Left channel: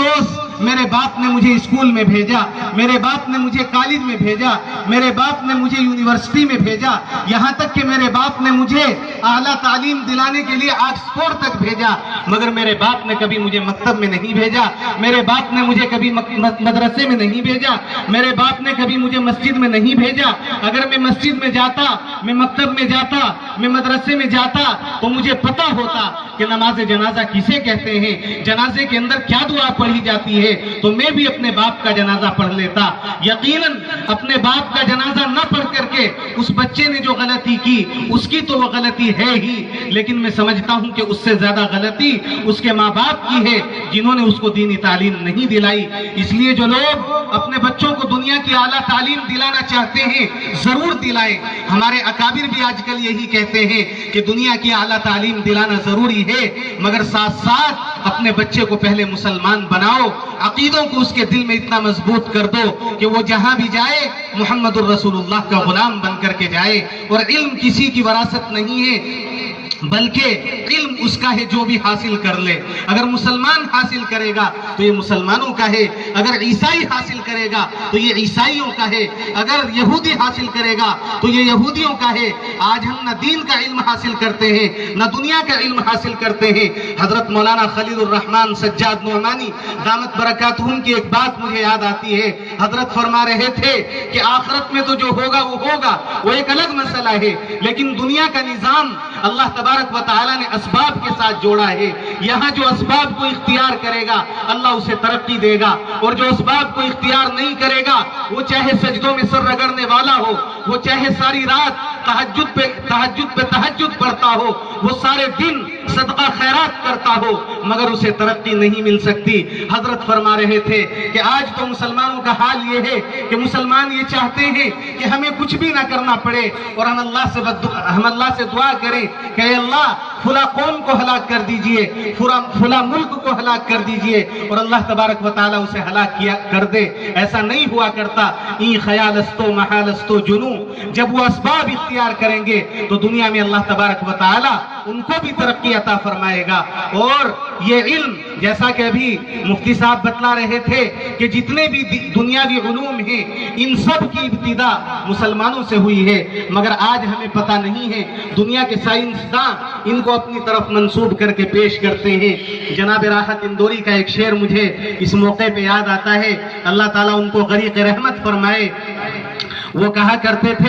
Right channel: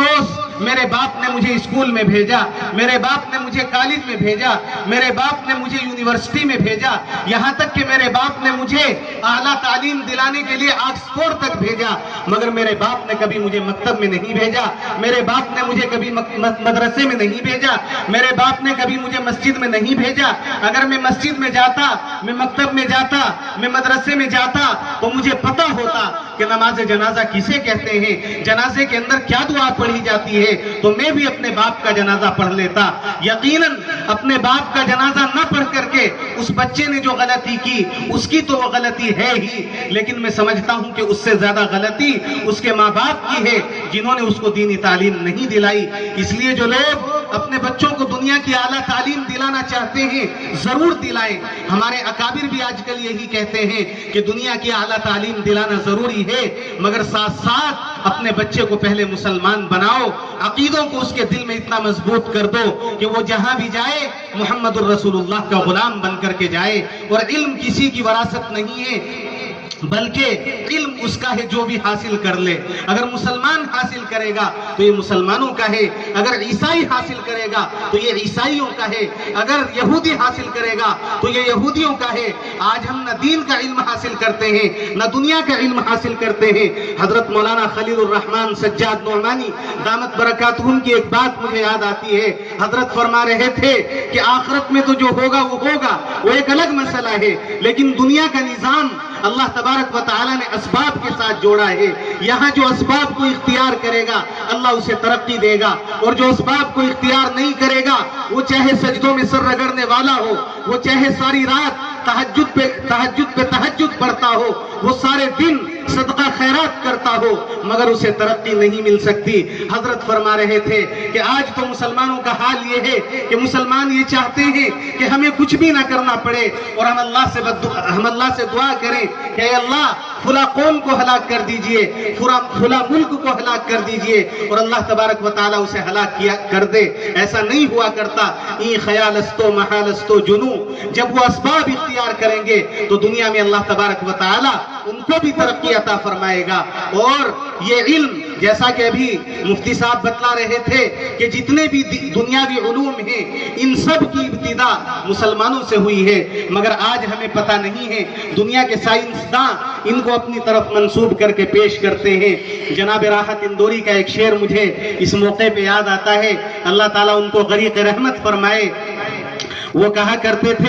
افسوس میرے باپ نے مجھے اسکول میں بھیجا، میرے باپ نے مجھے کالج میں بھیجا، میرے باپ نے مجھے یونیورسٹی میں بھیجا، یہاں تک کہ میرے باپ نے مجھے اعلیٰ تعلیم دلانے کے لیے آکسفورڈ تک بھیجا، مگر میرے باپ نے کبھی مجھے مکتب میں نہیں بھیجا، میرے باپ نے مجھے کبھی مدرسے میں نہیں بھیجا، میرے باپ نے کبھی مجھے مسجد میں نہیں بھیجا۔ اگر میں مسجد میں جاتا، میں مکتب میں جاتا، میں مدرسے میں جاتا تو مجھے پتا ہوتا کہ نماز جنازہ کسے کہتے ہیں، جنازے کے اندر کیا دعا پڑھی جاتی ہے، تو میں بھی اپنے باپ کا جنازہ پڑھ لیتا۔ یقیناً اپنے باپ کا جنازہ نہ پڑھ کر کے اس بچے نے جو غلطی کی اس کی تو وہ غلطی ہے ہی، لیکن میں سمجھتا ہوں کہ اس سے زیادہ غلطی اس کے ماں باپ کی ہے جنہوں نے اس کو دینی تعلیم نہیں دلائی۔ اس لیے جو لوگ اپنے بچوں کو دنیا کی اعلیٰ تعلیم دلانا چاہتے ہیں ضرور دلائیں۔ ہمارے اکابر بھی آج کل یہی کہتے ہیں کہ دنیا کی اعلیٰ تعلیم دلانا ضروری ہے، مگر ساتھ ساتھ اپنے بچے کو پہلے مسلمان بناؤ، عقیدوں کو اس کے دل میں اتنا مضبوط کر دو کہ وہ جہاں بھی جائے محمد الرسول اللہ کا غلام بن کر کے جائے۔ اور علم کسی کی وراثت نہیں ہے، بلکہ علم اس کا ہے جو بھی حاصل کر لے۔ اگر مسلمان حاصل کرے گا تو یہ مسلمانوں کا ہے، اگر عیسائی حاصل کرے گا تو یہ عیسائیوں کا ہے، اگر یہودی حاصل کرے گا تو یہ یہودیوں کا ہے۔ آج ہم نہ دین کا علم حاصل کرتے ہیں نہ دنیا کا علم حاصل کرتے ہیں۔ حضرت مولانا خلیل الرحمن سجاد نعمانی دامت برکاتہم کی ایک بات مجھے یاد آتی ہے۔ حضرت فرما رہے تھے کہ آخرت میں تو جو ہوگا وہ ہوگا، وہ ایک الگ مسئلہ ہے، لیکن دنیا کا نظام اللہ تبارک و تعالیٰ نے اسباب کے ساتھ جوڑا ہے۔ یہاں جو اسباب کو اختیار کرے گا اللہ اسے ترقی دے گا، اور جو اسباب کو اختیار نہیں کرے گا وہ چاہے سجدوں میں سر رگڑنے والا ہو، وہ چاہے ساری رات تہجد پہ تہجد پڑھتا ہو، وہ سارے دن صدقہ خیرات کرتا ہو، مگر اسے ترقی نہیں مل سکتی۔ حضرت فرما رہے تھے کہ آج تو مسلمانوں کا حال یہ ہے کہ مسلمان یہ چاہتے ہیں کہ ہمیں کچھ بھی نہ کرنا پڑے، اور ہم اللہ سے دعا کریں کہ اے اللہ فلاں قوم کو ہلاک کر دیجئے، فلاں ملک کو ہلاک کر دیجئے، اور اللہ تبارک و تعالیٰ اسے ہلاک کر دے۔ ایسا نہیں ہوا کرتا۔ این خیالستو محالستو جنو، جب وہ اسباب اختیار کریں گے تو دنیا میں اللہ تبارک و تعالیٰ ان کو بھی ترقی عطا فرمائے گا۔ اور یہ علم جیسا کہ ابھی مفتی صاحب بتلا رہے تھے کہ جتنے بھی دنیاوی علوم ہیں ان سب کی ابتدا مسلمانوں سے ہوئی ہے، مگر آج ہمیں پتہ نہیں ہے۔ دنیا کے سائنسداں ان کو اپنی طرف منسوب کر کے پیش کرتے ہیں۔ جناب راحت اندوری کا ایک شعر مجھے اس موقع پہ یاد آتا ہے، اللہ تعالیٰ ان کو غریق رحمت فرمائے۔ وہ کہا کرتے تھے